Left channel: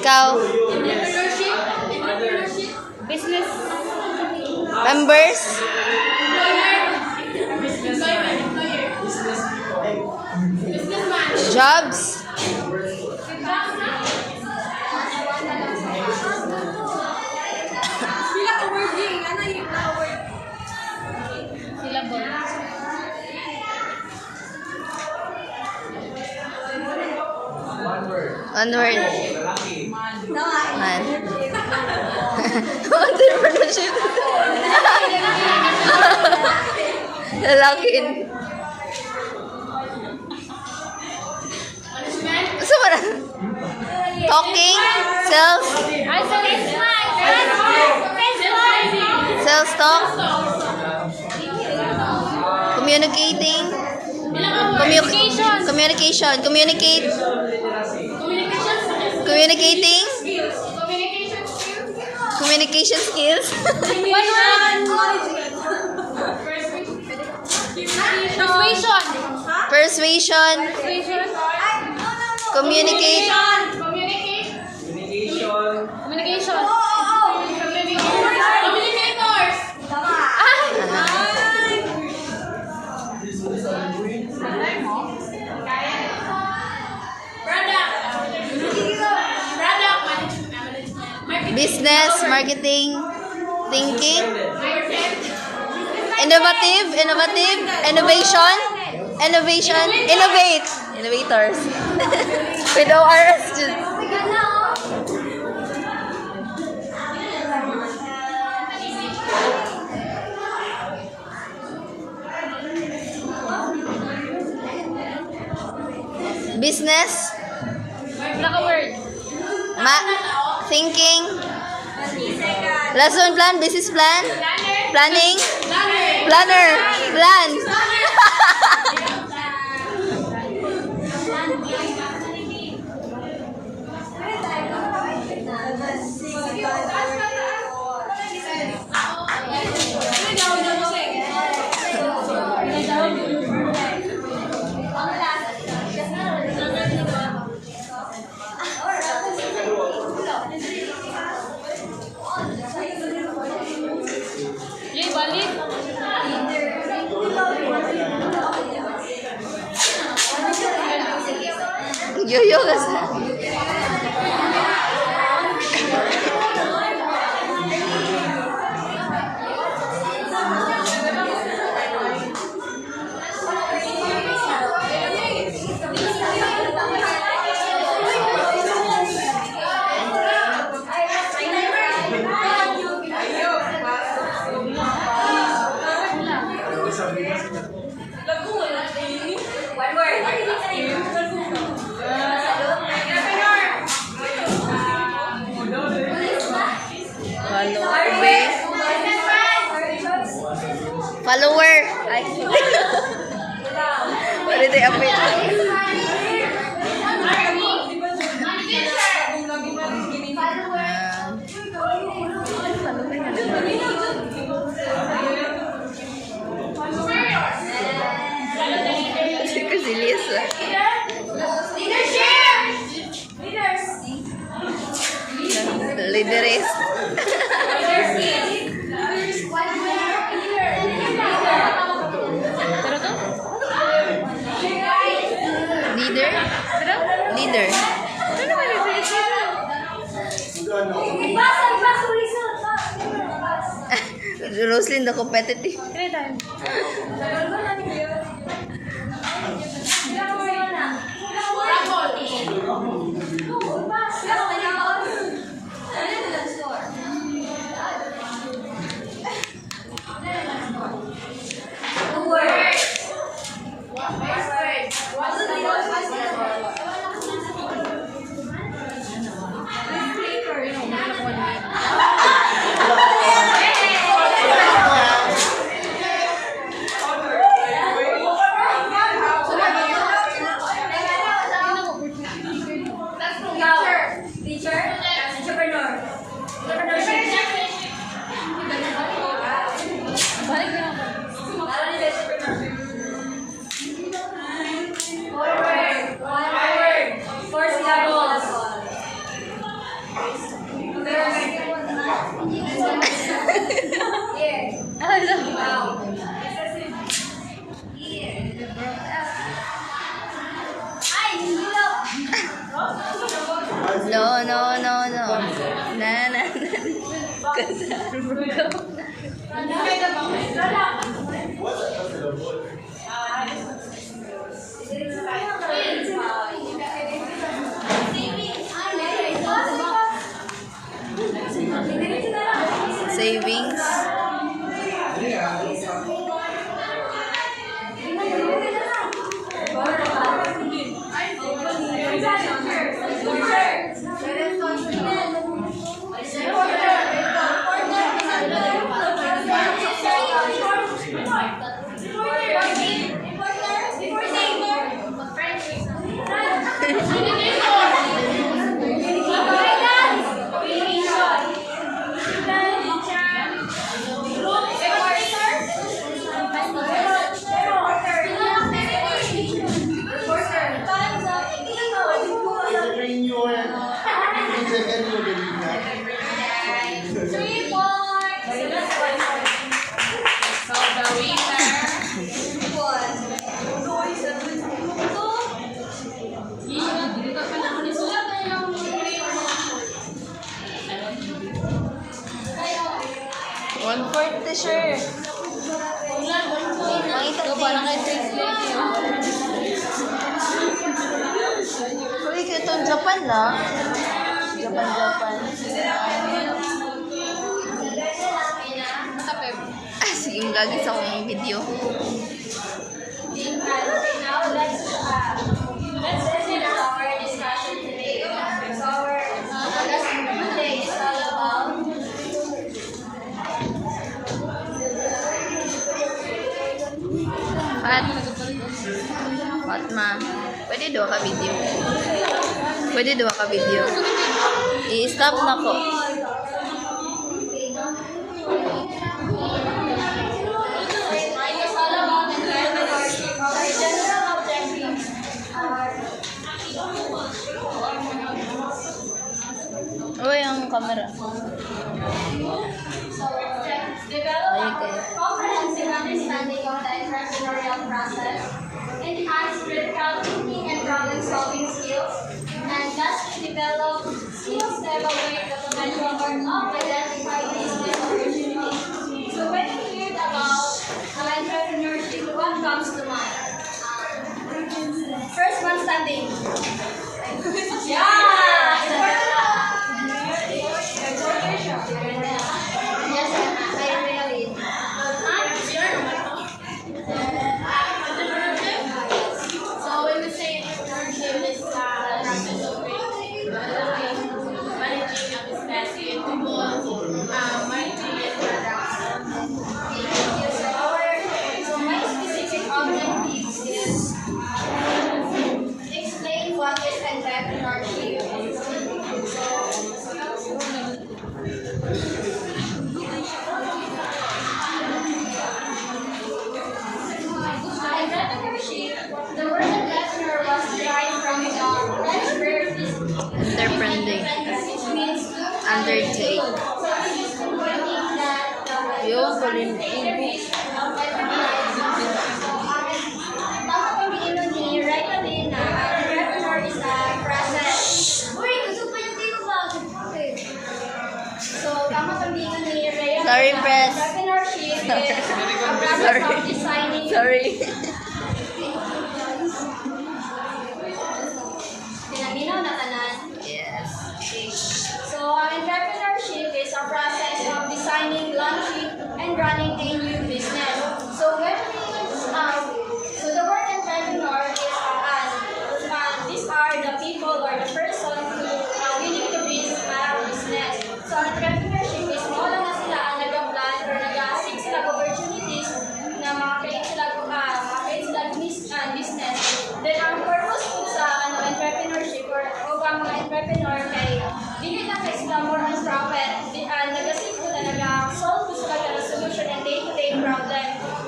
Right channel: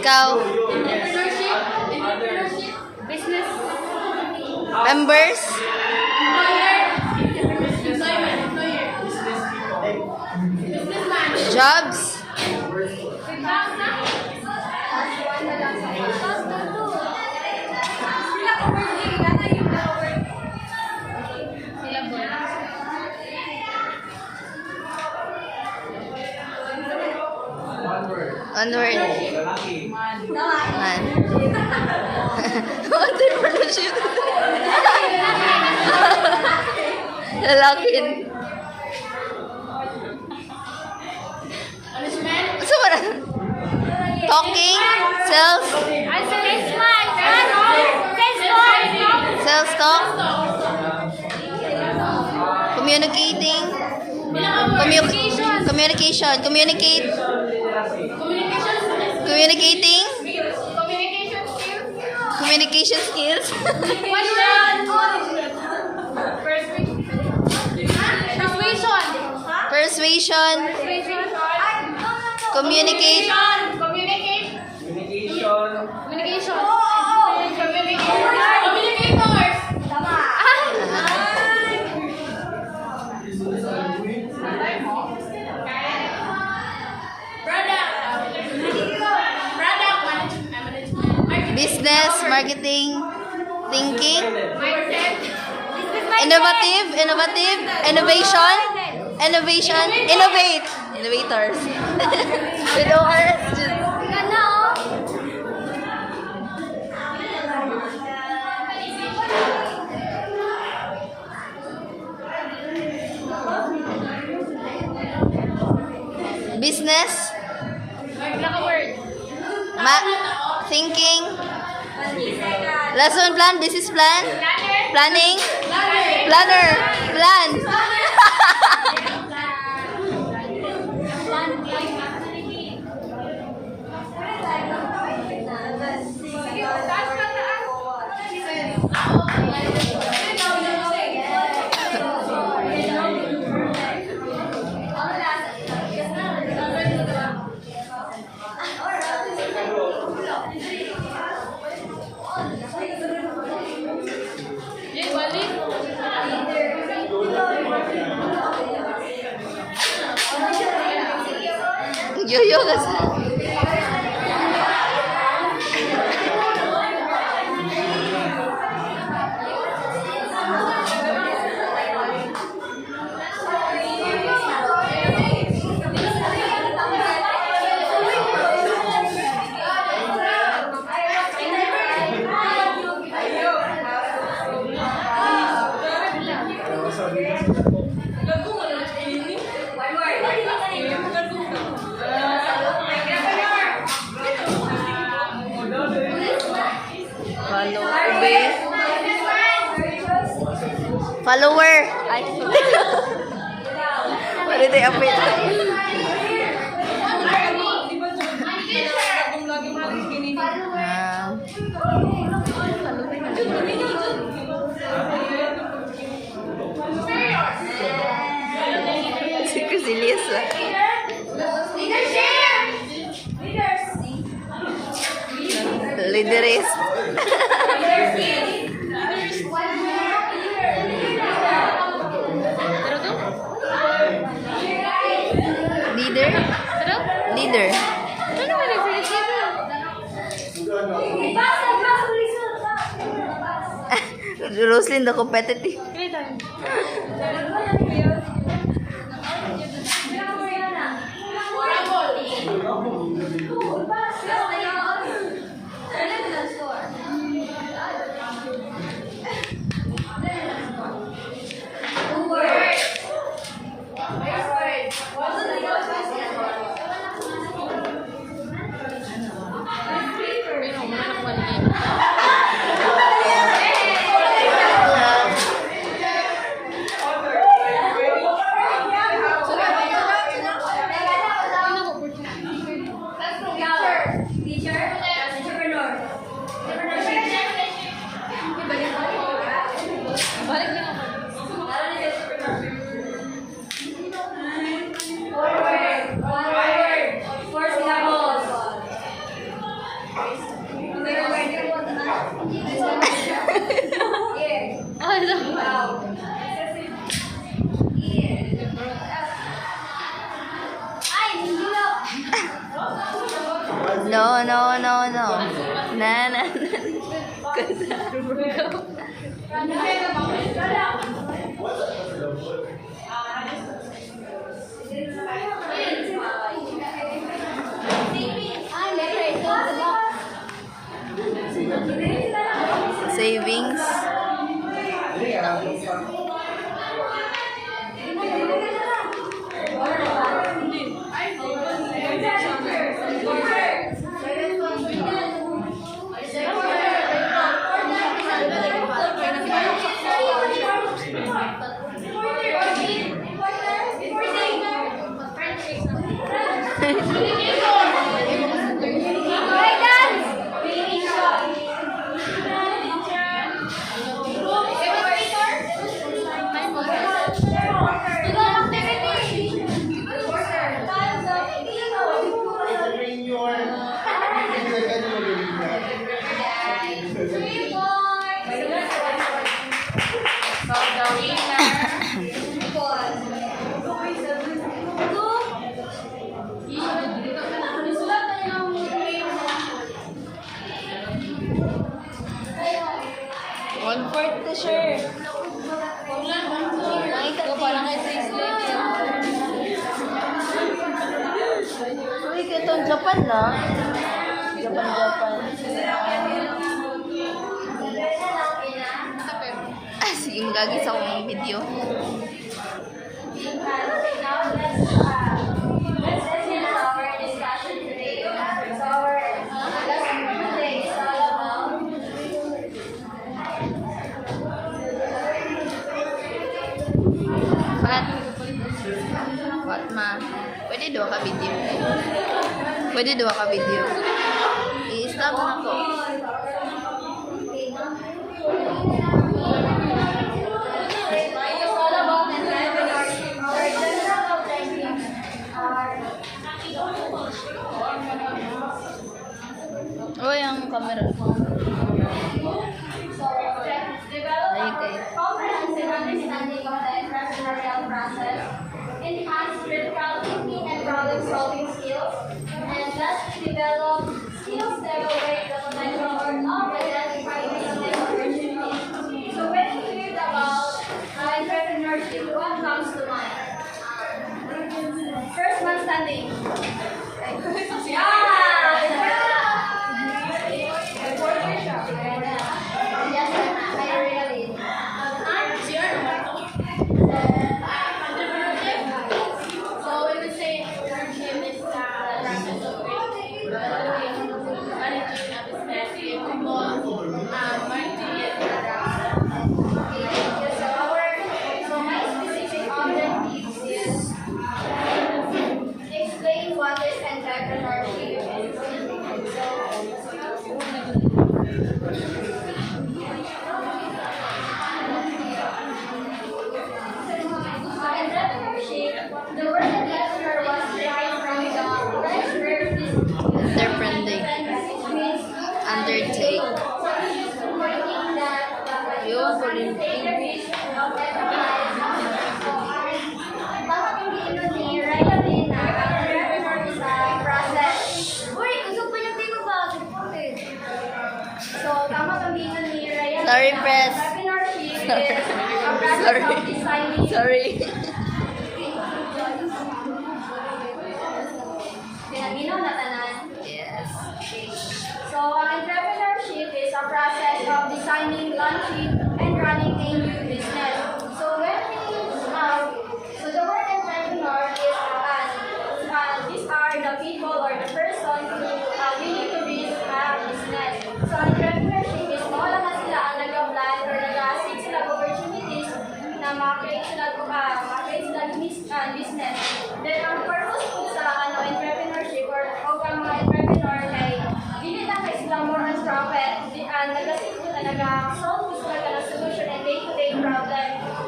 Ikaw? Business. Members? Jobs? One word. Man. Entrepreneurship. Lalakin. Saan ba na? Talking? Sales? Sales talk? Communicating? Communication. Communicate? Communicating? Communication skills? Persuasion? Communicate? Business, marketing, thinking, innovative, innovation, innovators. With ORS. Business, thinking, lesson plan, business plan, planning, planner, plan. Yo kasi. Follower. What did they update? Leaderist. Leader. Roslyn, the competitive. Savings. So the winner. One-fourth t-shirt. Makita Uy, itong Japan na. Japan. Sige, magagis ako ng video. Let's begin our discussion today. So our lesson today is all about Fatma, pwede dua ka video? Pwede dua ka video? I-stop na ko. Uy, ang camera. Ay, kay. comprehensive understanding of the entrepreneurial process, enhance critical thinking and problem-solving skills, and thus develop skills to evaluate the potential or of identify business opportunities. So when you hear about entrepreneurship, what comes to mind? First one standing. Yeah! Yes, I really. So we would say entrepreneurship is the process of managing a business in managing it products. So my specific objective is explain what is entrepreneurship. Entrepreneurship, the word entrepreneur was derived from the French verb Entrepreneur. which means Undertake. Yun, kulin. Sorry, press. Entrepreneurship is a process Sorry. of designing. Sorry. Pinaginaw na tanan. Yes. So, entrepreneurship is a process of designing, launching, and running a new business. So, so the word entrepreneur is these are the people or the person who willing to build a business. So, entrepreneurship is mo lang na sila ang nag-plan or nag-seek sila of opportunities na makakreate sila business. Then, ang purpose po sa entrepreneurship or ang mga entrepreneur kay dili lang kay sila more on profit, nag-seek sila, nag-solve sila ka ng solution and day-to-day problem.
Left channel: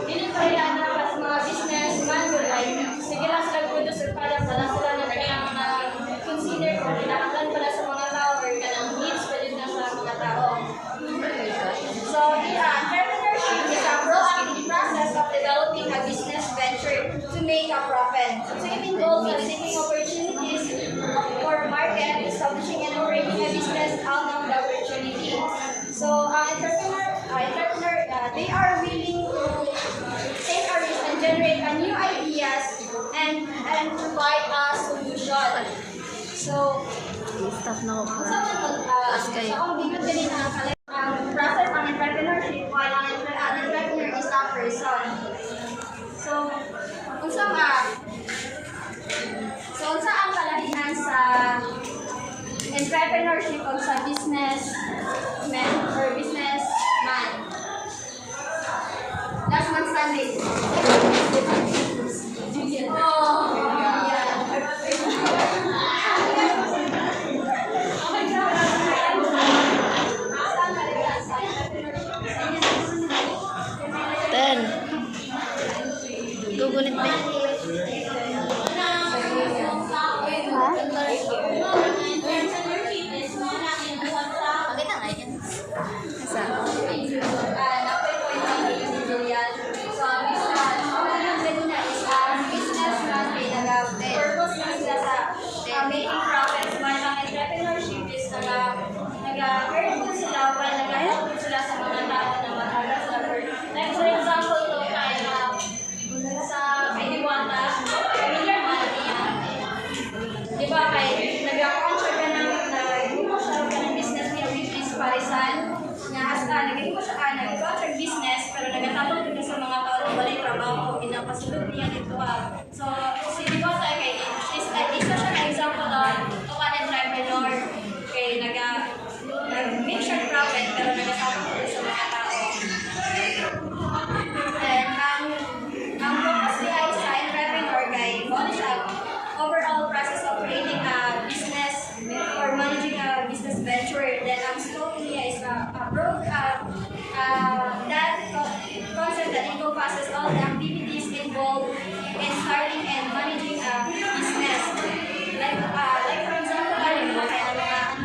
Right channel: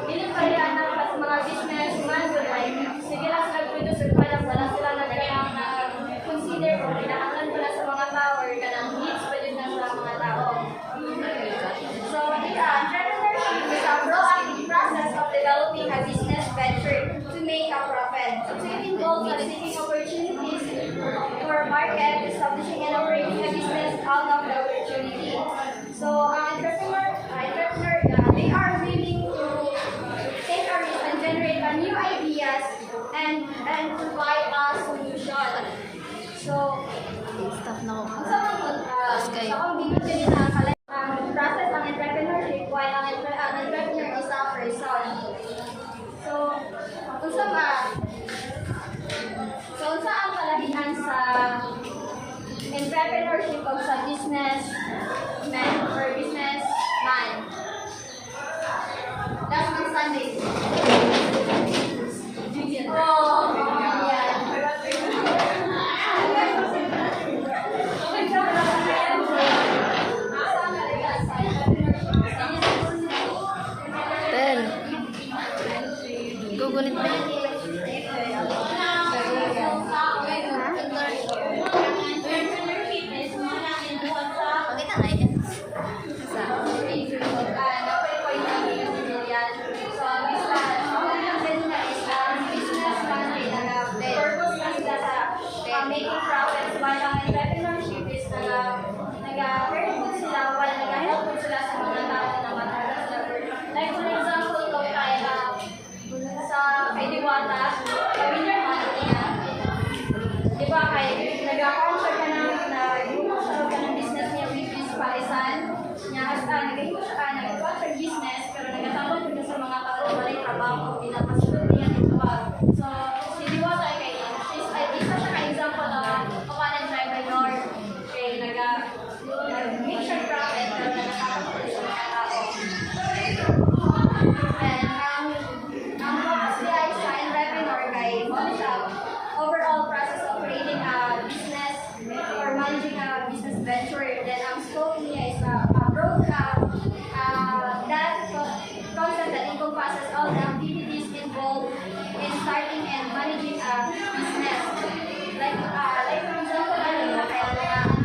Dili pa rin na sa mga businessman will like, sige lang sila produce or product, wala sila nag-consider kung kinahanglan pala sa mga tao or kanang needs pa dyan na sa mga tao. So, entrepreneurship is a proactive process of developing a business venture to make a profit. So, it involves seeking opportunities for a market, establishing and operating a business out of the opportunity. So, entrepreneur they are willing to take a risk and generate a new ideas and provide a solution. So, Stop na ako. sa Taas kayo. ang bigot din ang process ng entrepreneurship while ang entrepreneur is a person. So, unsa ang kalahian sa entrepreneurship o sa businessman or businessman? Last month Sunday. Oh, yeah. Ten. Gugunit ba yan? Ha? Pakita nga yan. Making profits while ang entrepreneurship is nag-earn good sila while nag-help good sila sa mga tao na matalas na work. Like for example, ito sa kay Diwata, familiar mo niya. Di ba kay nag-contract ka ng business niya with Miss Parisan na hasta nag-contract business pero nagtatapos din sa mga tao na walay trabaho o pinapasunod niya ito. So, si Diwata kay isa siya ka-example of an entrepreneur kay nag-make siya profit pero nagtatapos din sa mga tao. And ang focus niya ay sa entrepreneur kay siya overall process of creating a business or managing a business venture. Then ang scope niya is a broad that concept that encompasses all the activities involved in starting and managing a business. Like for example,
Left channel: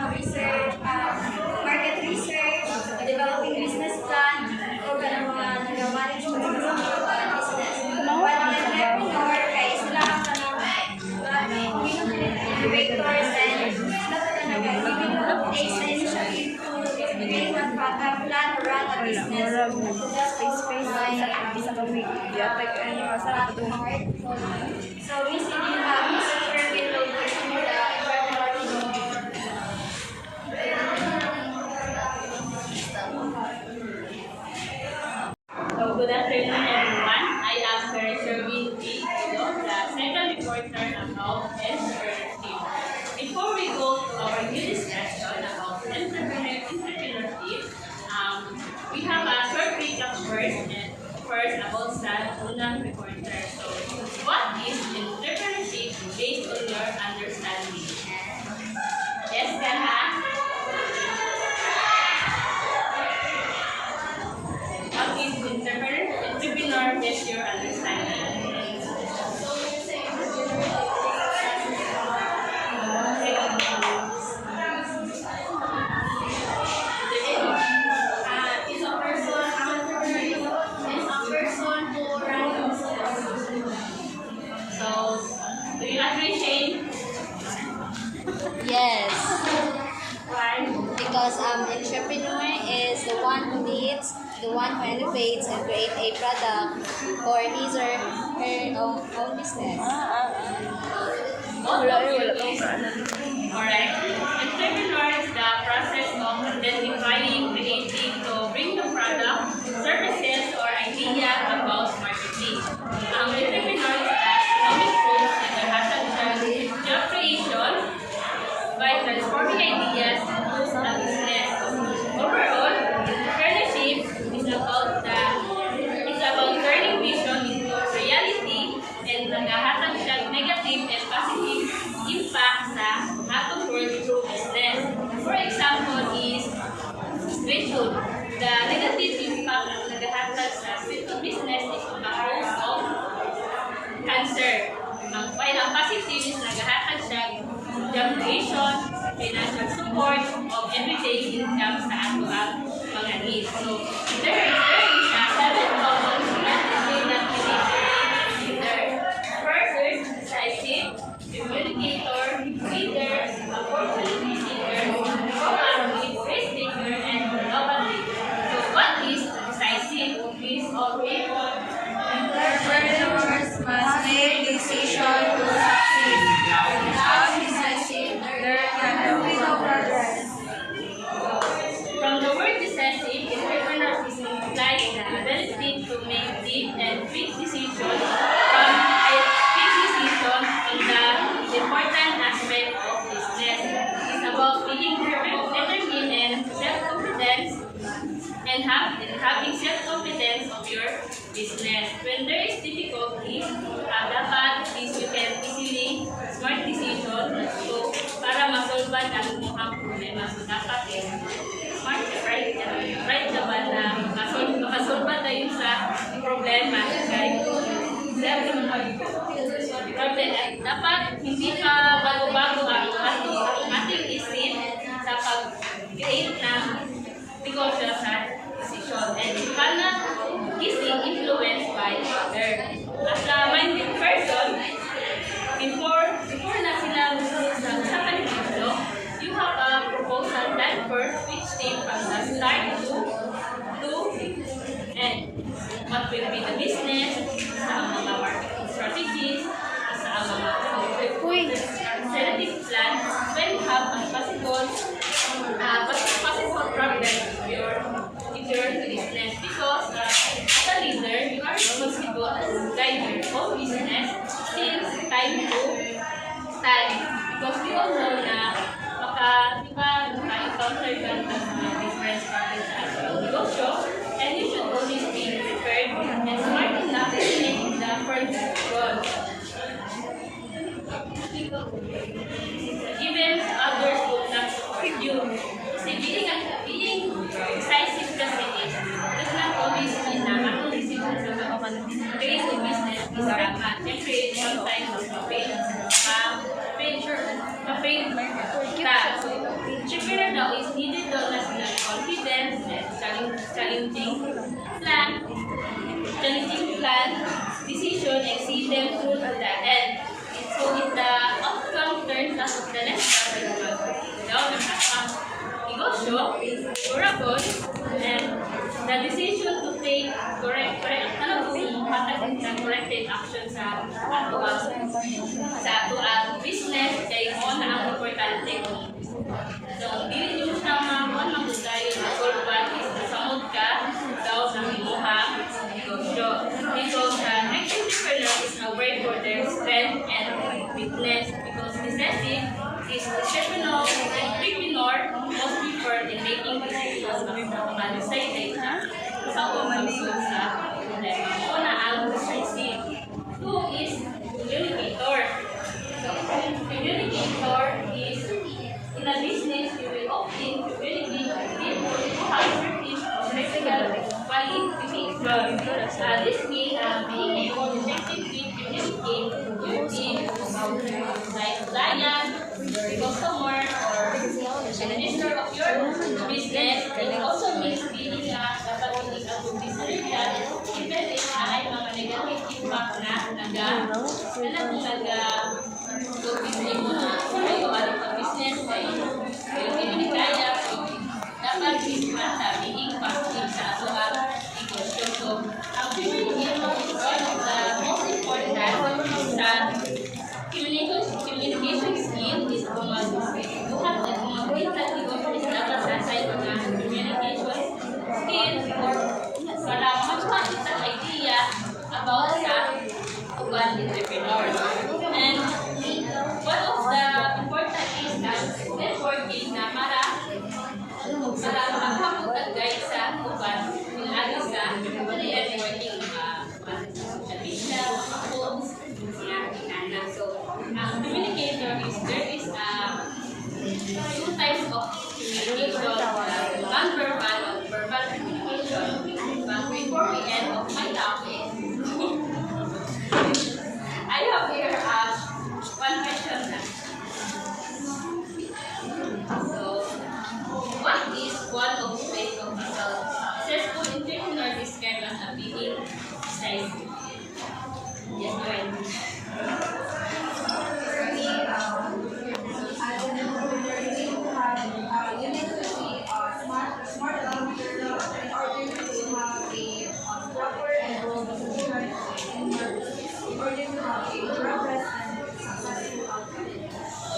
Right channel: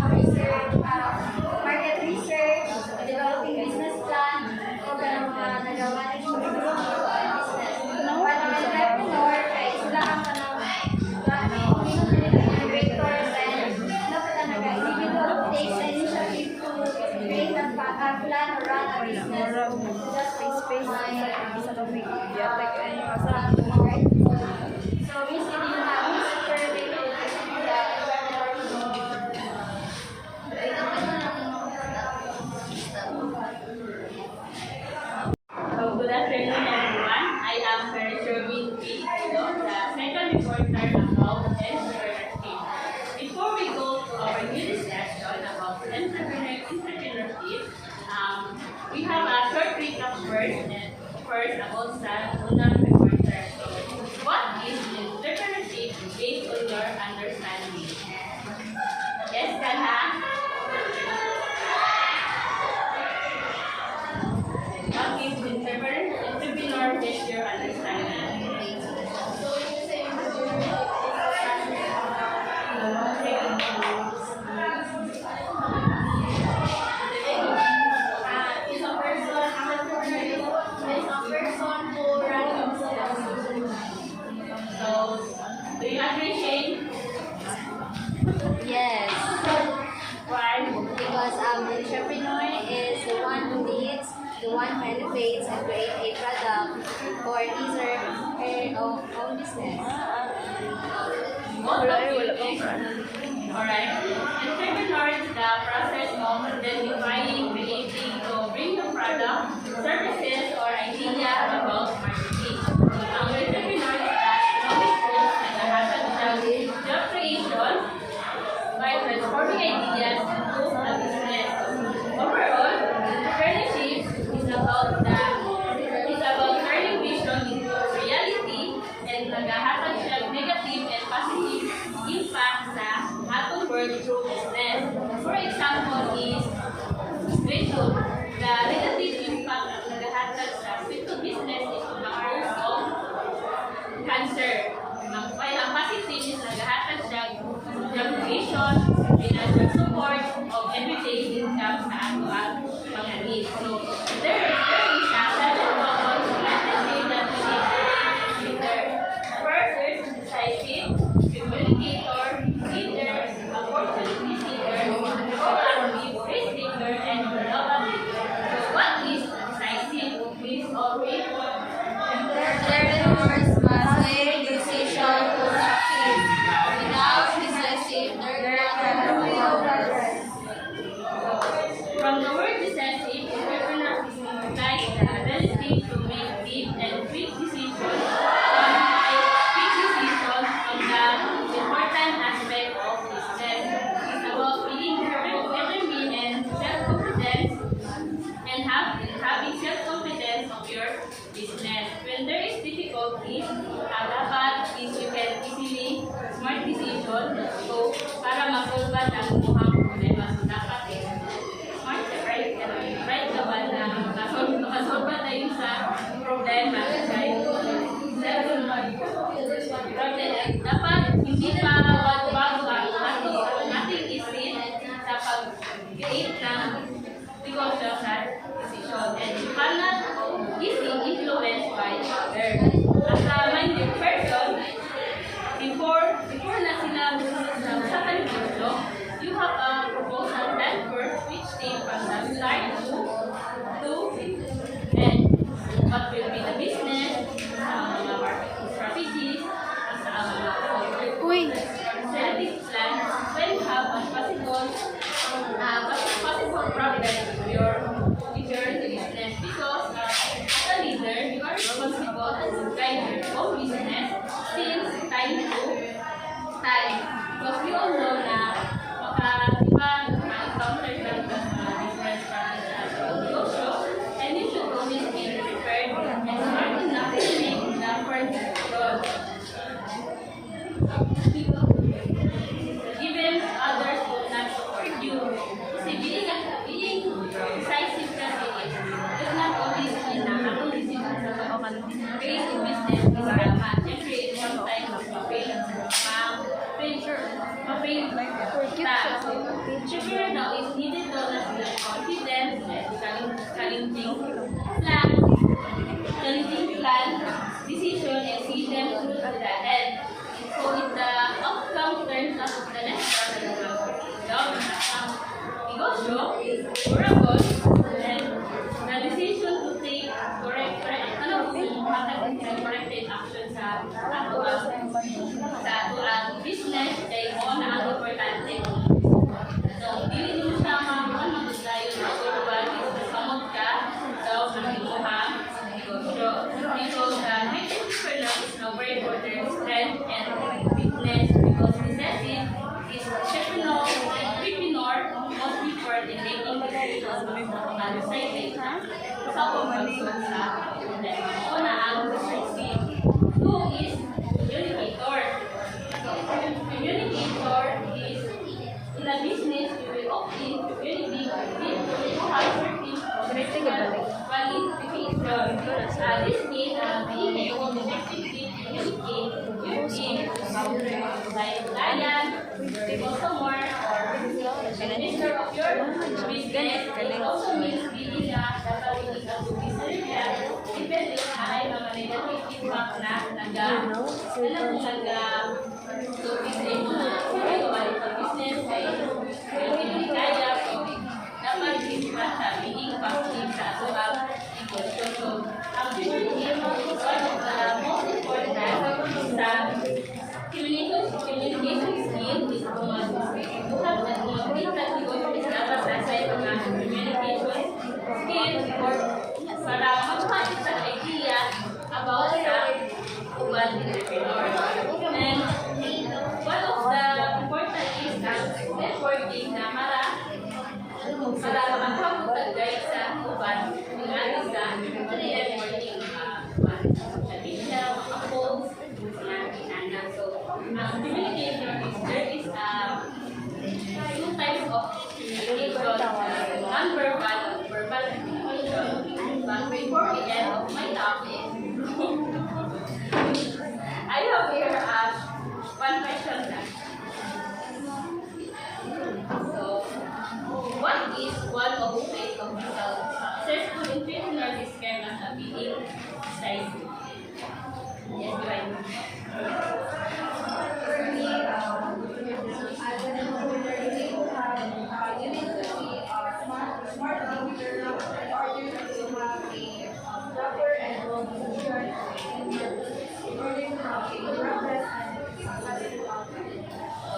research, market research, developing business plan, o mga nag-manage ng business. While ang entrepreneur, kay sila ang innovators and dapat ang nag-develop takes the initiative to create a plan or run a business. So we see din Miss Sherwin ng Good afternoon, everyone. I am Karen Sherwin P. the second reporter about entrepreneurship. Before we go to our new discussion about entrepreneurship, we have a short recap first about sa unang reporter. So, what is entrepreneurship based on your understanding? Yes, Karha? What is entrepreneur based your understanding? So, do you appreciate? Yes. Why? Because entrepreneur is the one who leads, the one who innovates and create a product for his or her own business. Alright. Entrepreneur is the process of identifying, creating to bring the product, services, or idea about marketing. Ang entrepreneur is the economic force na naghahatid ng job creation by transforming ideas into a business. Overall, entrepreneurship is about turning vision into reality and naghahatid siya negative and positive impact sa atong world through business. For example is street food. The negative impact na naghahatid sa street food business is the cause of cancer. While ang positive is naghahatid siya job creation, financial support of everyday income sa ato ang mga needs. So, there is a seven common strategies that we need to consider. First, there's decisive, communicator, leader, opportunity seeker, proactive, risk taker, and innovative. So, what is decisive? to make deep and quick decisions on the important aspect of business. It's about being determined and self-confidence and having self-confidence of your business. When there is difficulties, dapat is you can easily smart decision. So, para masolban ang mukhang problema. So, dapat smart, right naman na makasolba tayo sa problema. Dapat hindi pa bago-bago ang ating isip sa pag-create ng negosyo sa decision. And you cannot easily influenced by others. As a minded person, before na sila sa negosyo, you have a proposal plan first which take from the start to end. What will be the business, sa mga marketing strategies, sa mga strategic plan, when you have a possible problem with your business. Because as a leader, you are responsible to guide your own business since time to time. Because we all know na maka-encounter ka ng different problems sa negosyo, and you should always be prepared and smart enough to make the first goal. Even others will not support you. Kasi being decisive kasi does not always mean na akong decision sa create a business is tama. Siyempre, sometimes ma-fail ka. Siyempre na daw is needed daw na sila confidence and challenging plan, decision, and see them through to the end. So if the outcome turns out to the next negosyo, durable, and the decision to take corrected action sa ato business kay mo na ang importante. So, dili nyo sa mga magdayon na urban is nasamot ka daw ng imuhang negosyo. Because entrepreneur is aware for their strength and weakness because decisive is entrepreneur must prefer in making decisions mag-decide sa pagsulod sa problema. Una ang decisive. Two is communicator. Communicator is in a business you will often communicate with people who have certain qualifications. This means being able to effectively communicate with team, like client, customer, or administrator of your business. It also means being dapat hindi ka business even if ay mga negative impact na business ay hindi kaya dapat being positive sa ato negosyo. So, ang communication is one of the most important sa communication skill is buhat na kumagkita negosyo is dapat sa mga communication skill or para magpapit sa idea about sa uban entrepreneur. And one of the important is networking na para magpapit ang guide sa uban nilagay sa networking social media, mga phones, mga so, communication is there is two types of communication, non-verbal and verbal communication. But before we end of my topic, I have here one question na. So, what is one of the ways of successful entrepreneur described as a being decisive? Yes, go ahead.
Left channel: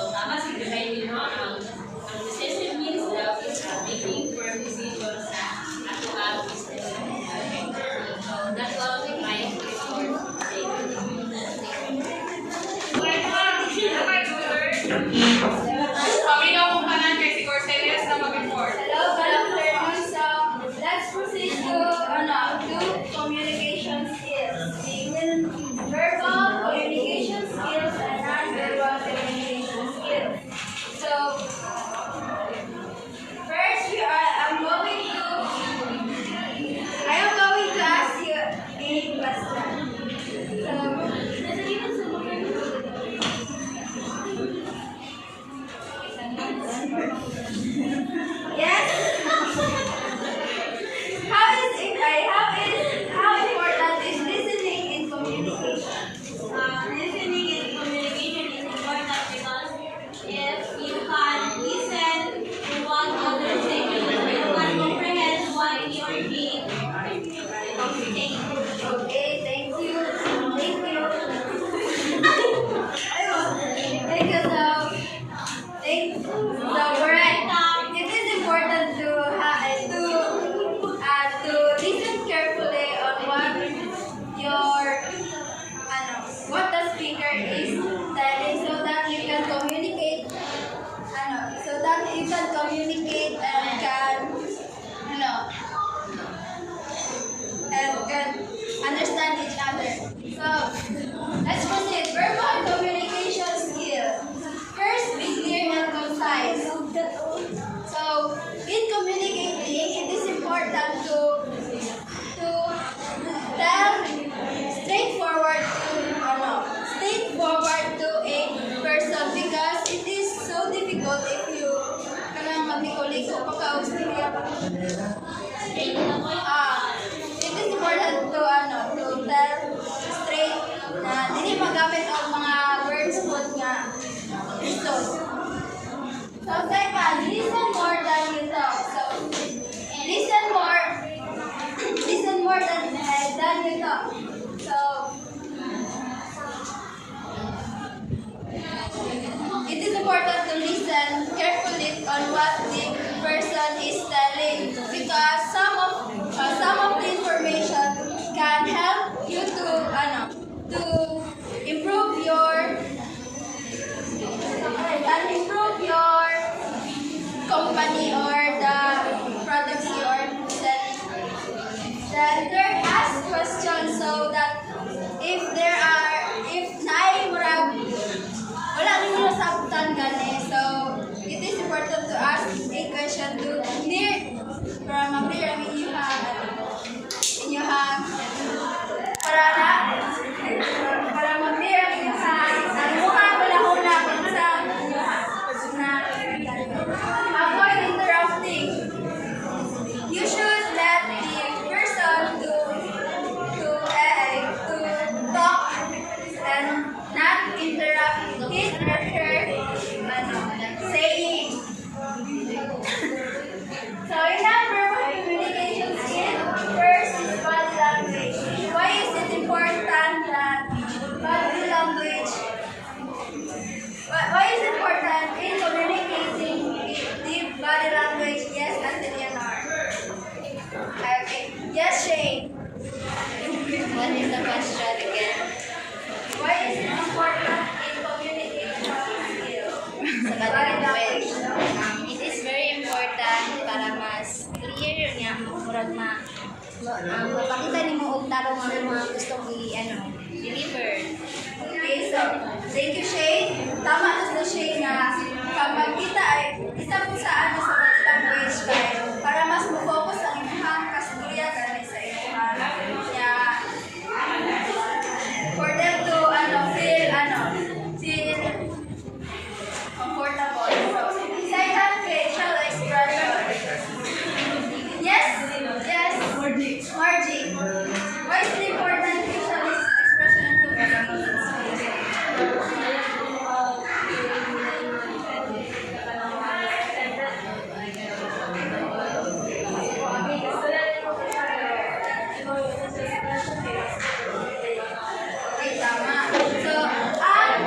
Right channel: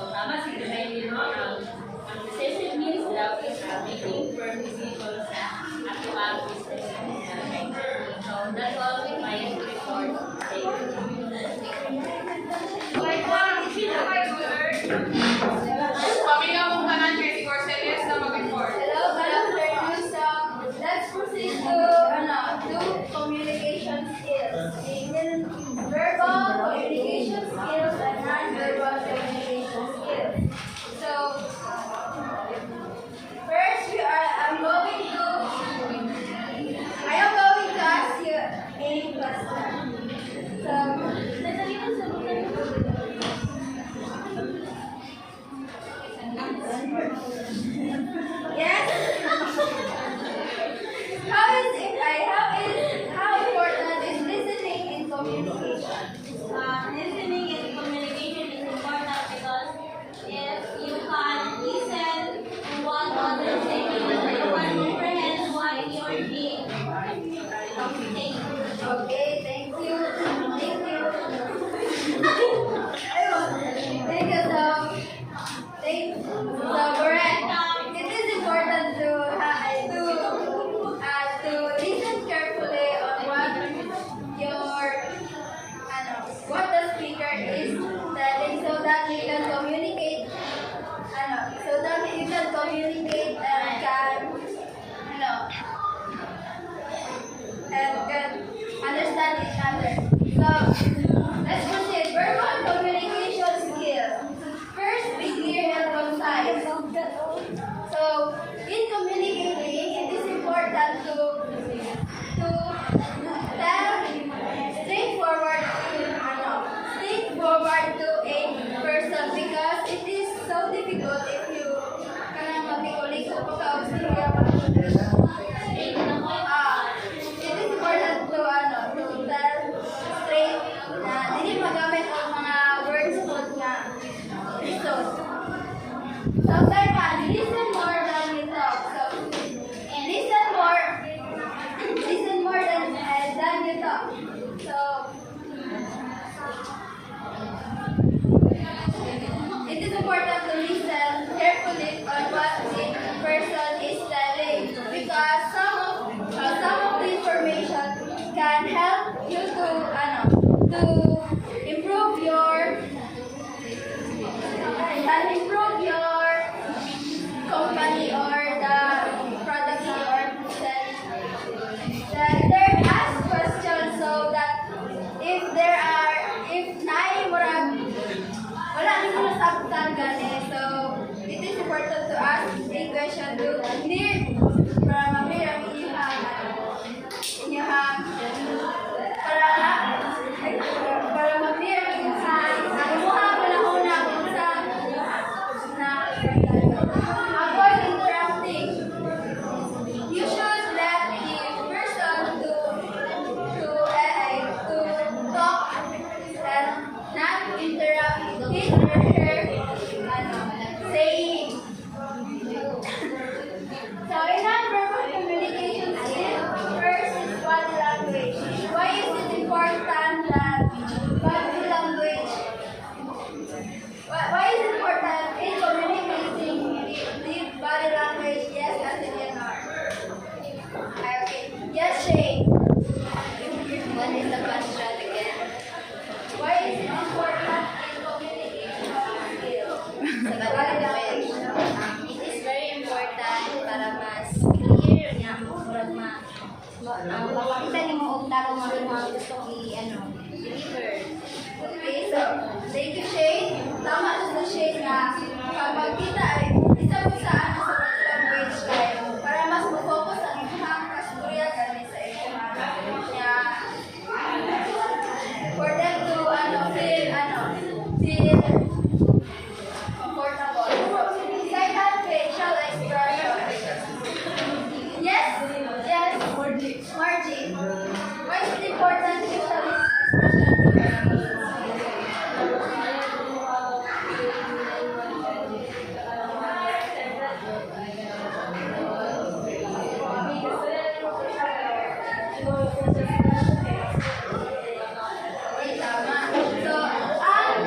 Tama si Dunay, ang decisive means daw is making firm decisions sa actual business. So, that's proceed to communication skills. Verbal communication skills and non-verbal communication skills. So, first I am going to ask you a question. So, yes. How important is listening in communication? Listening in communication is important because if you can listen to what others say, you can comprehend what you're being saying. Okay, thank you. Thank you. So correct. It is important to listen carefully on what the speaker is telling, so that you can communicate. And can understand each other. So let's proceed. Verbal communication skill. First, be clear and concise. So in communicating, it is important to tell straightforward to a person, because it is so difficult if you kanang magmikulig sa pagkausap. It is important to tell straight na dili magamit ang mga words food nga gusto. So second, listen more than you talk. So listen more than you talk. So it is important to listen carefully on what the person is telling, because some of the information can help you to improve your company or the products you are selling. The third, ask questions, so that if wala nimo nasabtan gani, so it is important to ask a question to para ma-clear ang inyong para ma-clear ang una kung saan na avoid interrupting. You should let the person to talk and not interrupt his or her saying. So in non-verbal communication skill, first is body language. Why is it important that body language? Why is it important in communicating the body language? Yes, Leonor. Okay. Yes, Shane. What is the question again? Why is it important in communication skill? Sa body language. It is very important para mas clear nga murag mapakita nimo og tarong mga gustong deliver. Okay, so thank you, Shane. Tama na si Shane nga kapag kita ay isa po sa body language kay para mas mo-focus ang inyong kasturya kanay sa inyong for them to feel comfortable. Second, facial expression. Yes, Margie. Why is it important facial expression in communication? Okay, tama. So,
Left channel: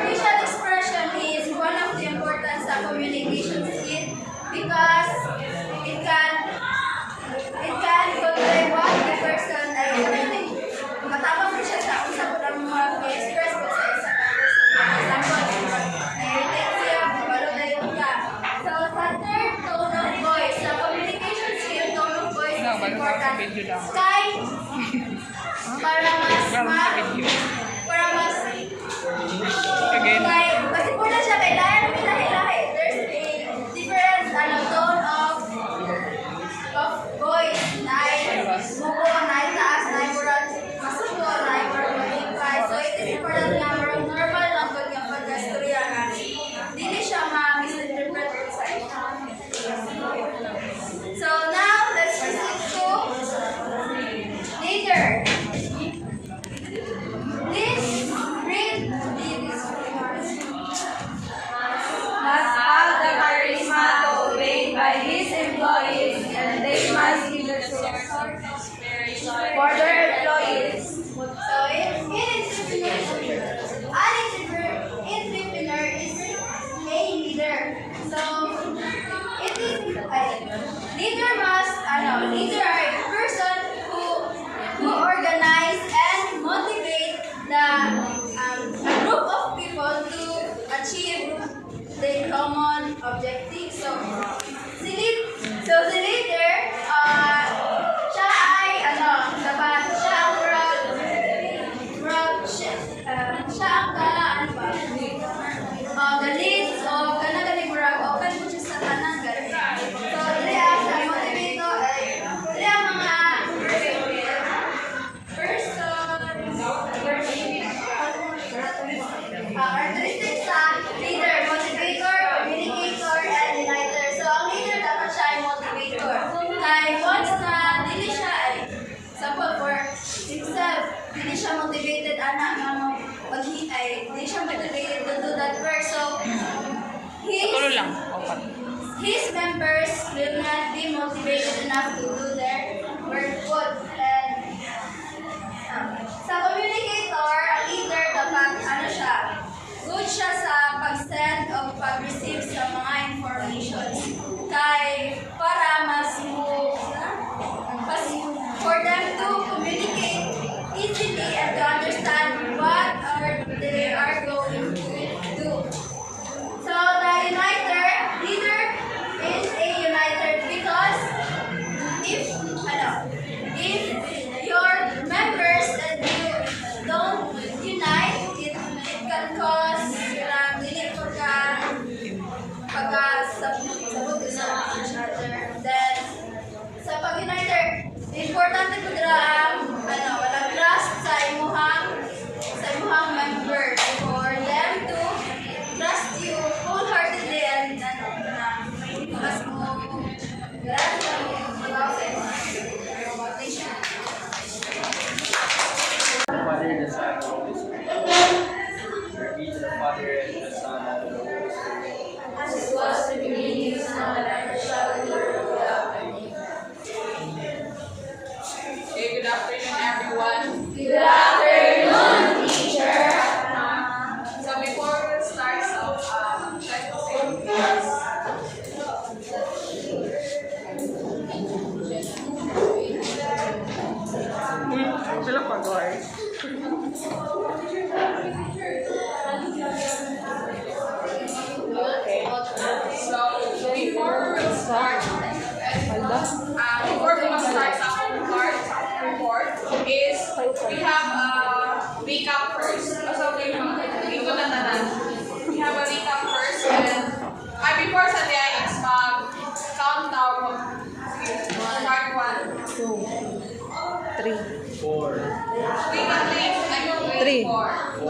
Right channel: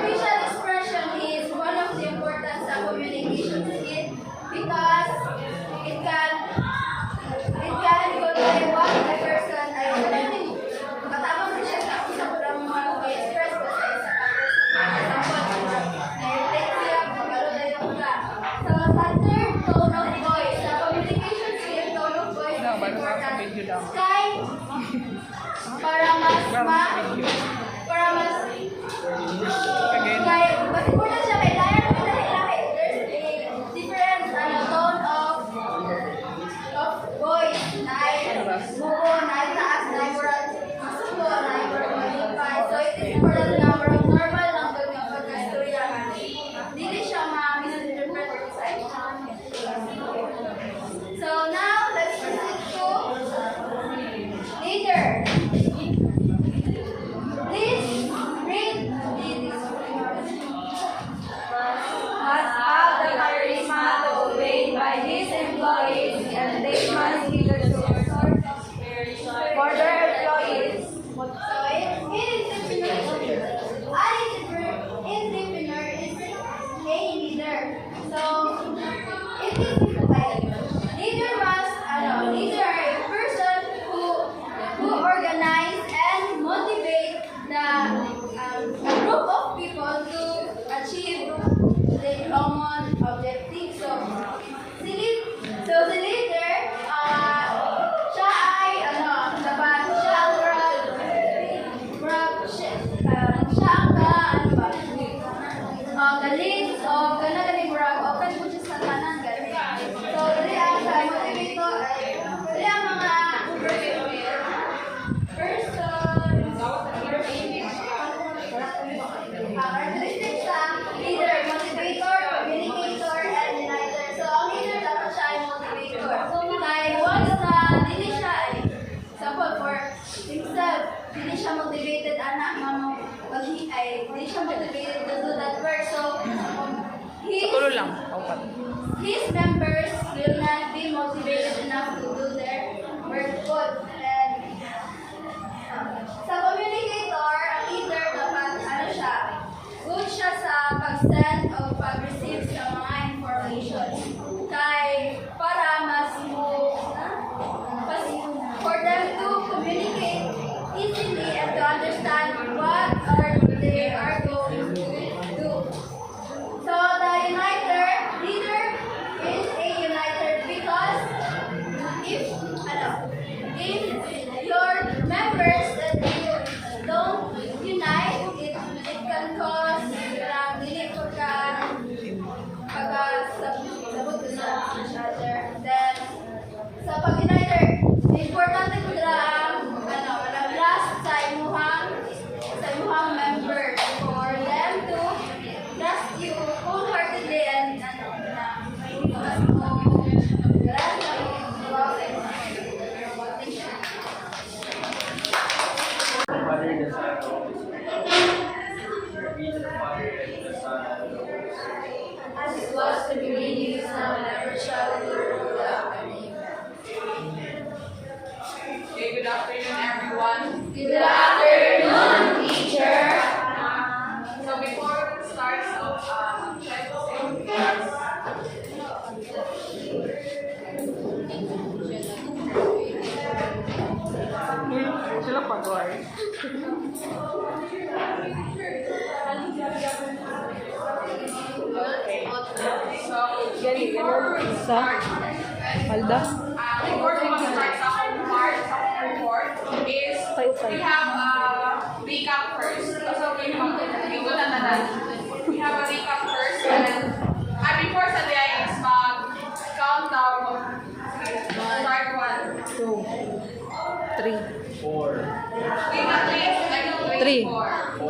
facial expression is one of the important sa communication skill, because it can convey what the person ay matabang din siya sa usap ng mga express ko sa isa ka person. Example, na-irritate siya, kabalo na yung ka. So, sa third, tone of voice. Sa communication skill, tone of voice is important. Sky, para mas kay mas important siya kay lahat ng lahi-lahi. There's a different tone of voice na ay mugo, na ay taas, na ay murag masuko, na ay murag malipay. So it is important nga murag normal lang pag nga pagkastorya nga. Dili siya ma-misinterpret sa inyo. So now let's proceed to leader. Please read this. Must have the charisma to obey by his employees, and they must be the source of inspiration for their employees. So an entrepreneur is a leader. So it is leader must leader are a person who organize and motivate a group of people to achieve the common objective. So the leader siya ay dapat siya ang siya ang the lead of kanang murag open mo siya sa tanan gani. So dili sa motivator ay dili ang mga characteristics sa leader, motivator, communicator, and uniter. So ang leader dapat siya ay motivator. Kaya once na dili siya ay example for himself, dili siya motivated anak nga mo dili siya motivated to do that work. So his members will not be motivated enough to do their work good. And sa communicator, ang leader dapat siya, good siya sa pag-send o pag-receive sa mga informations. Kay para for them to communicate easily and to understand what they are going to do. So the leader is a uniter because if your members that you don't unite, it can cause dili sabot sa each other. Then sa pag-uniter, importante po walang trust sa imuhang member for them to trust you wholeheartedly and mas mo Father, the Son, and the Holy Spirit. Glory be to the Father, and to the Son, and to the Holy Spirit. as it was in the beginning, is now, and ever shall be, world without end. Okay, good afternoon, everyone. Good afternoon, teacher. So before we start, I'm trying to say this. Sila pa, guys. So before we start, before we start sa home part, sa home report, is we have a recap first. So we have a recap first, and before sa day is countdown. Part 1. 2, 3, 4. Three. 4.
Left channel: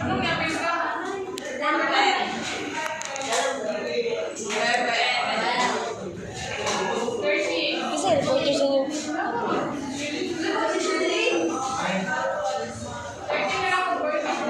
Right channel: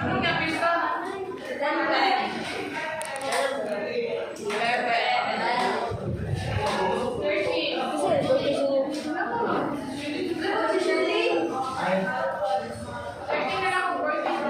Ano nga, Miss Ka? 13 na lang ako, 18,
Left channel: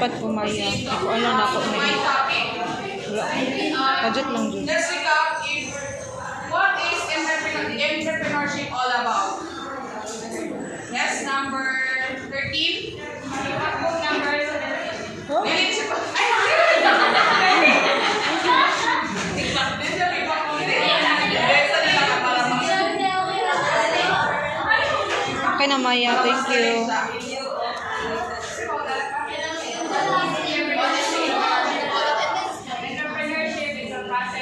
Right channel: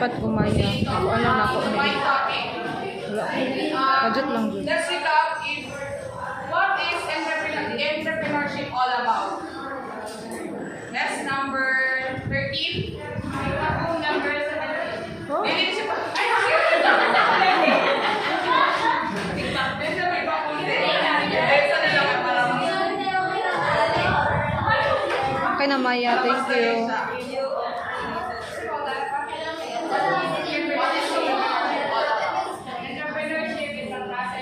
Dapat kumaya. Ako alam na ako My may. topic. Wala. Budget lang dyan. Let's recap if what is entrepreneurship all about? Let's number 13. Number 7. Huh? Okay na, Maya. Thank you.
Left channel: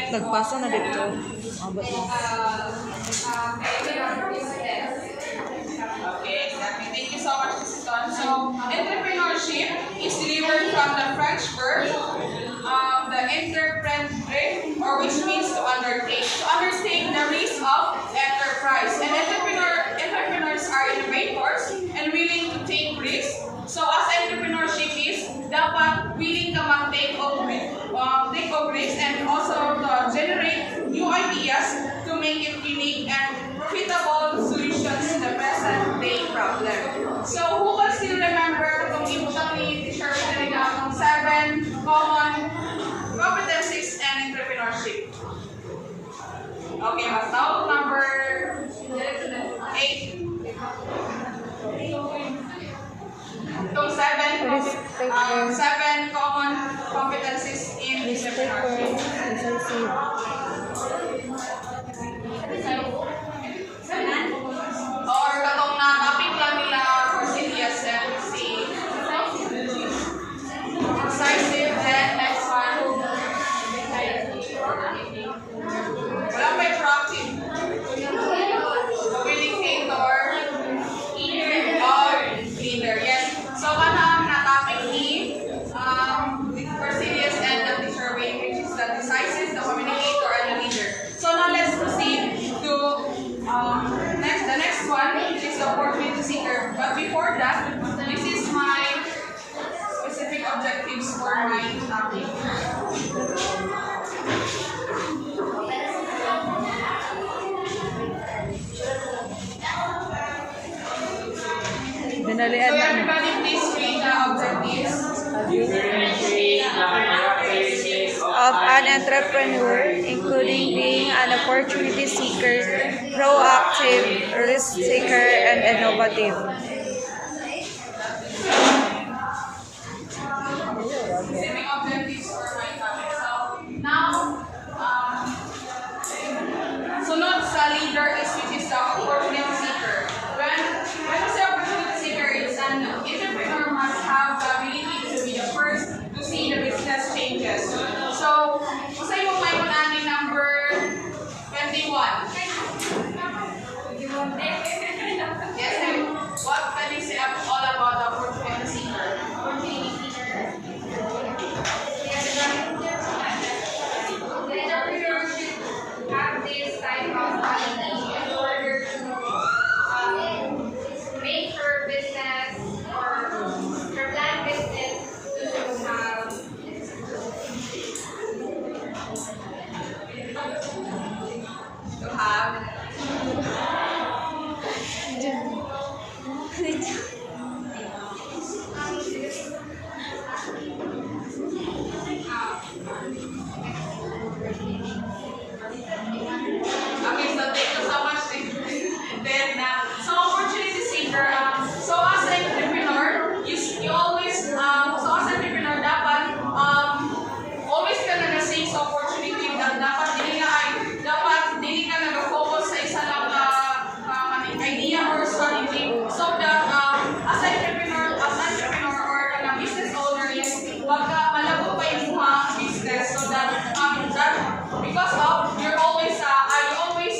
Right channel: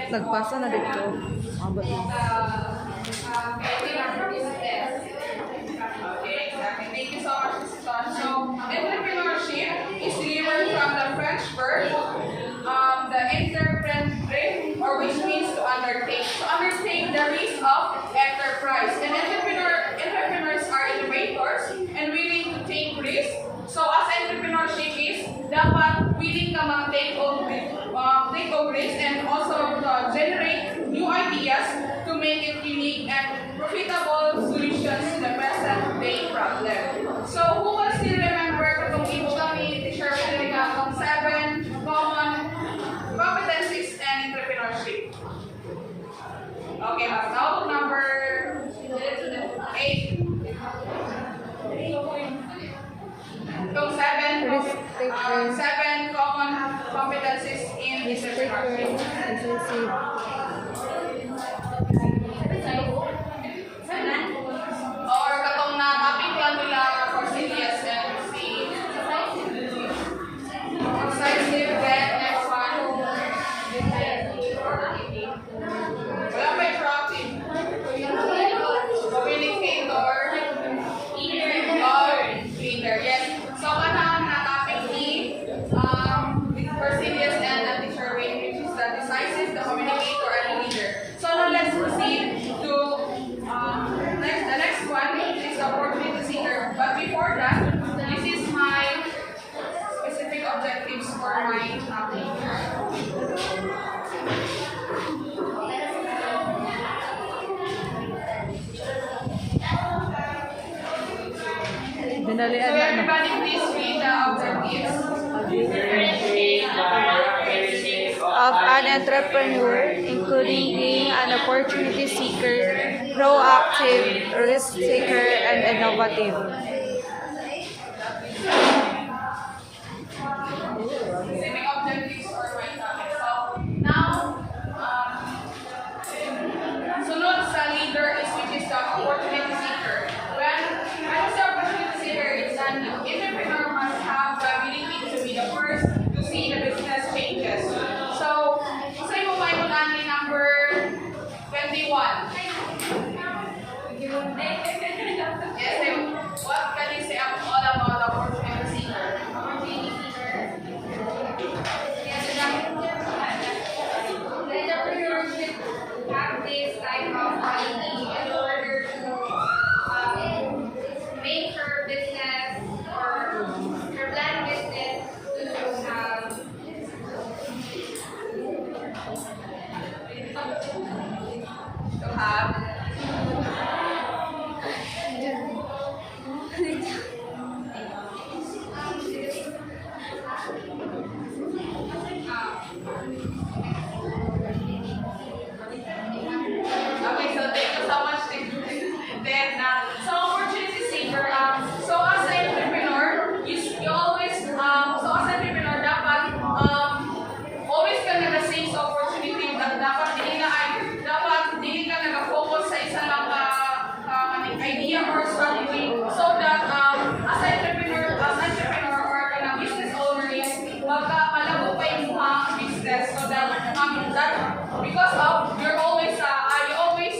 Nagpasa na dito. Abot na. Okay, exactly. Thank you so much, Mrs. Ton. So, entrepreneurship is derived from the French verb, the entreprendre, or which means to undertake. To undertake the risk of enterprise. And entrepreneurs are innovators and willing to take risks. So, as entrepreneurship is, dapat willing ka mag-take of risk and also generate new ideas to make it unique and profitable solutions to the present day problem. So, who can still remember kung usually teacher talaga ng 7 common competencies and entrepreneurship? Okay, now number 8. So, 7 common competencies in entrepreneurship. Or katong na topic lang nila for CDS and C. Decisive, then next one. Wala pa yung proactive. Communicator. Or leader. Yes. So, kanang na topic E, for CDS and the teacher weight, which is the decisive, the communicator, and the leader. So, now let's proceed to the next one, which is the opportunity seeker. But before that, this is my specific objectives for my topic. Dinalian So na. everybody please read the objectives. Of an entrepreneur, including being an opportunity seeker, proactive, risk taker, and innovative. Specific objectives for my topic. So now, sunod sa leader is which is the opportunity seeker. When I say opportunity seeker, it's an entrepreneur must have the ability to be the first to see the business changes. So, masay mo may ni number 21. Yes, ma'am. What can you say all about opportunity seeker? Opportunity seeker. The entrepreneur should have this type of quality in order to make her business or her planned business To have Okay, so thank you so much. Then, so opportunity seeker. So as an entrepreneur, you always, so as an entrepreneur, dapat always ka nag-seize opportunity. Dapat dili ka nag-focus sa isa lang idea or strategy. So that as an entrepreneur or a business owner is malabot pa yung mga business. So that because of you always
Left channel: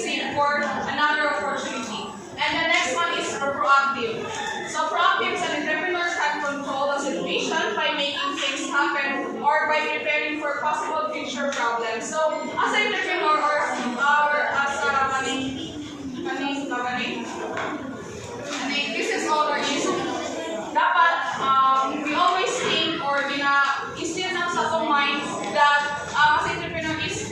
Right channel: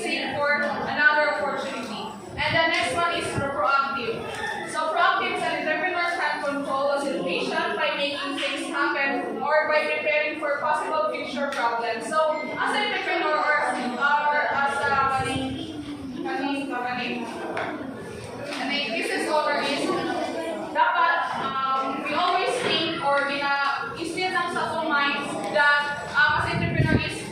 seek for another opportunity. And the next one is proactive. So proactive is an entrepreneur can control a situation by making things happen or by preparing for possible future problems. So as an entrepreneur or as a business owner is dapat we always think or instill lang sa ating mind that as entrepreneur is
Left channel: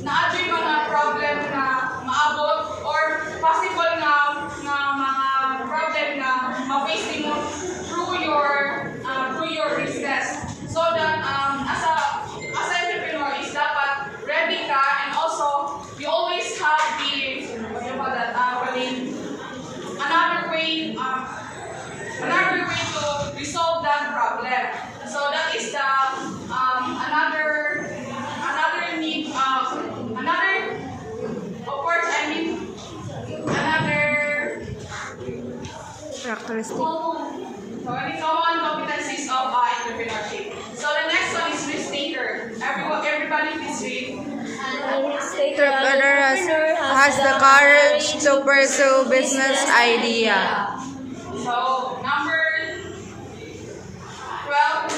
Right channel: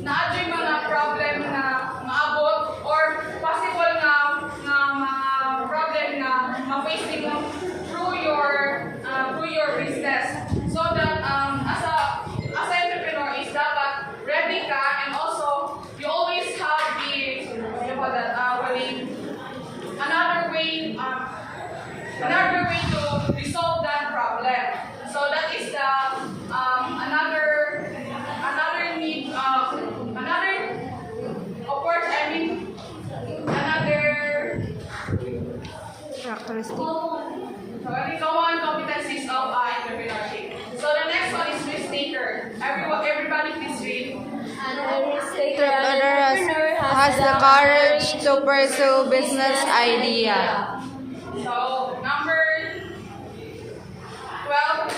na-adjoy mo na problem na maabot or possible na mga problem na ma-face mo through your business. characteristic. So common competencies of entrepreneurship. So the next one is risk taker. Everybody please read. Entrepreneur has the courage to pursue business idea. So number 12.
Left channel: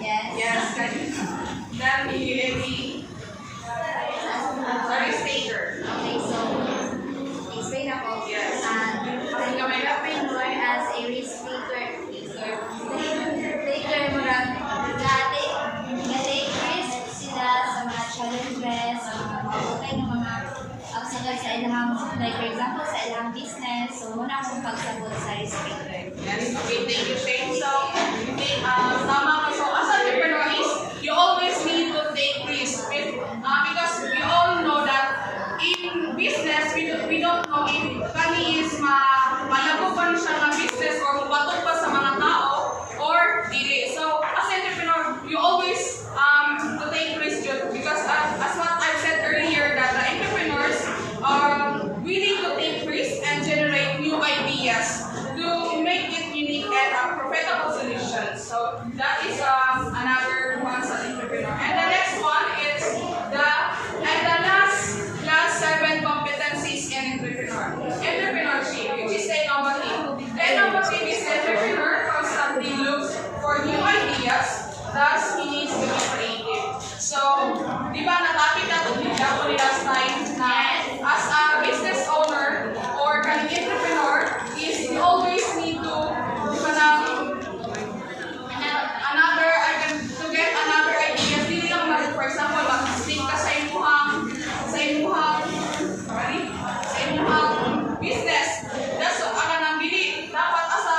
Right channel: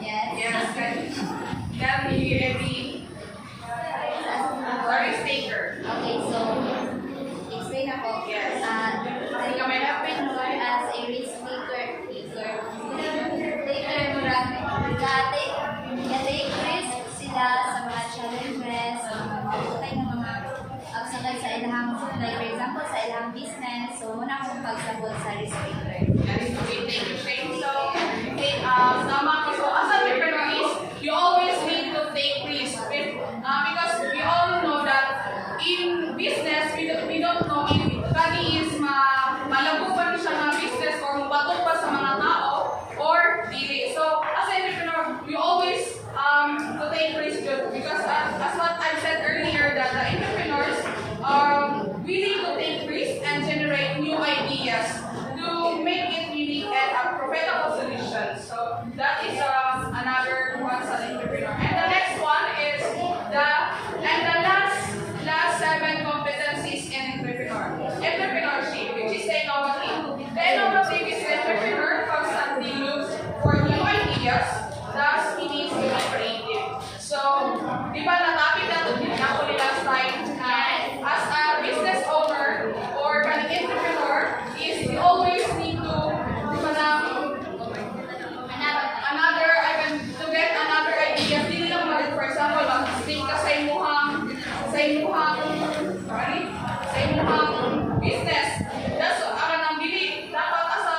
Yes. Yes, can you agree? Risk taker. Okay, so explain ako. Yes. The entrepreneur as a risk taker murag ga-take risk sila sa mga challenges, sa mga mabukay ng mga pagsagay sa ilang, like for example, sa ilang business. So, muna akong pagsabot sa risk taker. Yes, okay, thank you, Shane. So, okay, tama ka. So, as entrepreneur is, you always need to take risk because we all know that in business, we don't know if kani is malago pa siya ng business or mabato pa sa mga tao or dili. So, as entrepreneur, you always to take risk because as what I've said earlier that the entrepreneurs are willing to take risk and generate new ideas to make it unique and a profitable solution. So that is another one sa entrepreneur. And the next one is the last 7 competencies in entrepreneurship, which is innovative. The innovative is the entrepreneur constantly looks for new ideas, thus he needs to be creative. So, di ba natapit na ito din ako last time na as a business owner or an entrepreneur is you always need to to get another idea. Hindi lang for example, mag-stick ka sa imuhang business. That's ang nang bili. Dapat as a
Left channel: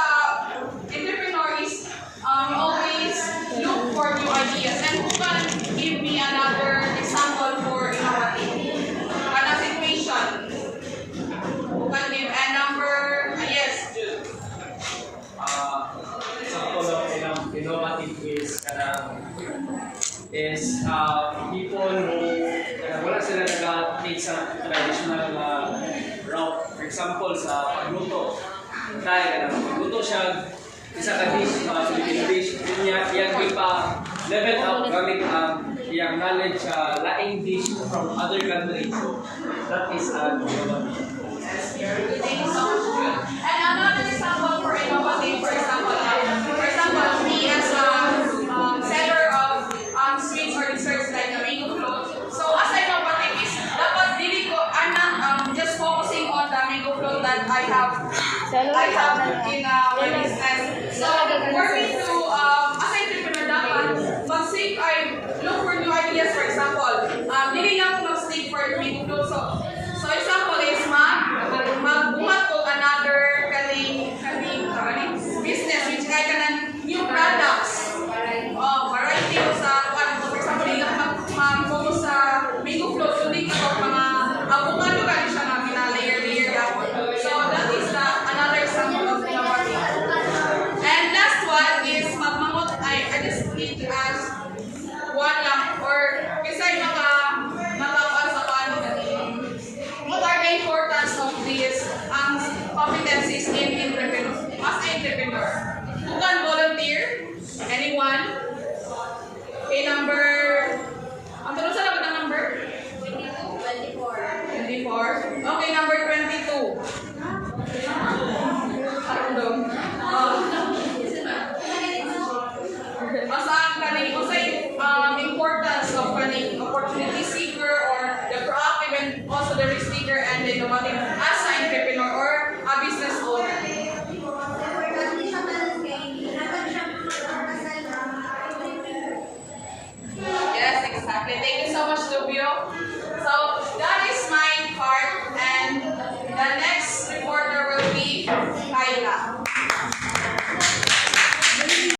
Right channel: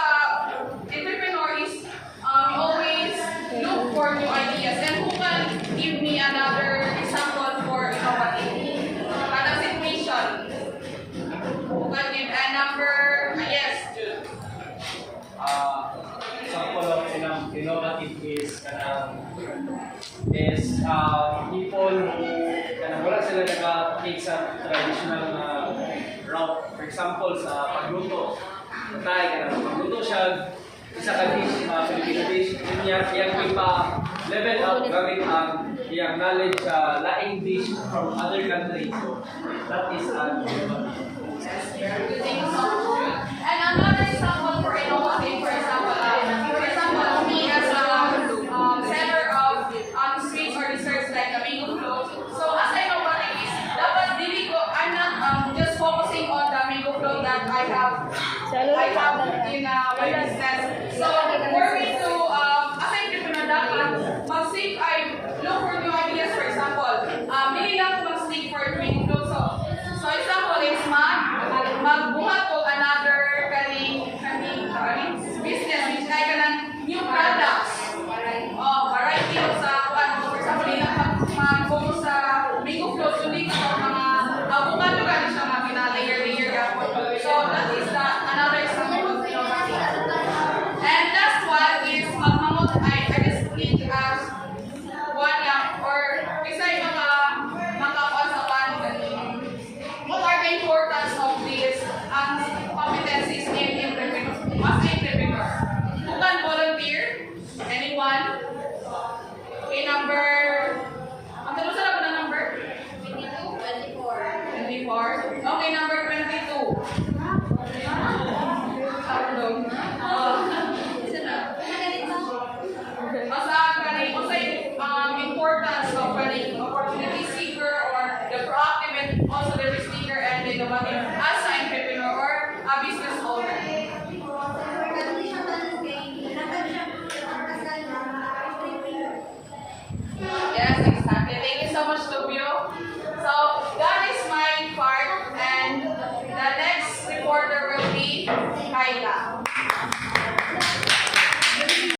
entrepreneur is you always look for new ideas. And who can give me another example for innovative kind of situation? Who can give a number? Yes, Jude. Example of innovative is people who wala sila nag-take sa traditional route. For example, sa pagluto. Pagluto siya, isa ka dish, Filipino dish, iyang ipa-level up gamit ang iyang knowledge sa laing dish from other countries. So, that is innovative. Thank you so much, Jude. And another example for innovative, for example, me as a seller of sweets or desserts like the mango float. So as I know what it is, dapat dili ko, I'm not just focusing on the mango float that I have in my business. So for me to, as an entrepreneur, dapat mag-seek, I look for new ideas. For example, dili nga ko mag-seek for mango float. So example is magbuhat ko another business which I can new products. Variety of for example, di lang mag-focus sa mango float, so di ka mga avocado ka siya mga layer yapon. So that is another example of innovative. And last one is I just need to ask one lang or kasi what are the importance of these competencies in entrepreneur? As an entrepreneur, who can volunteer? Anyone? Okay, number. Ang tanong sa ng number? 24. Okay, number 22. Importance of opportunity seeker or the proactive and also the risk taker and the innovative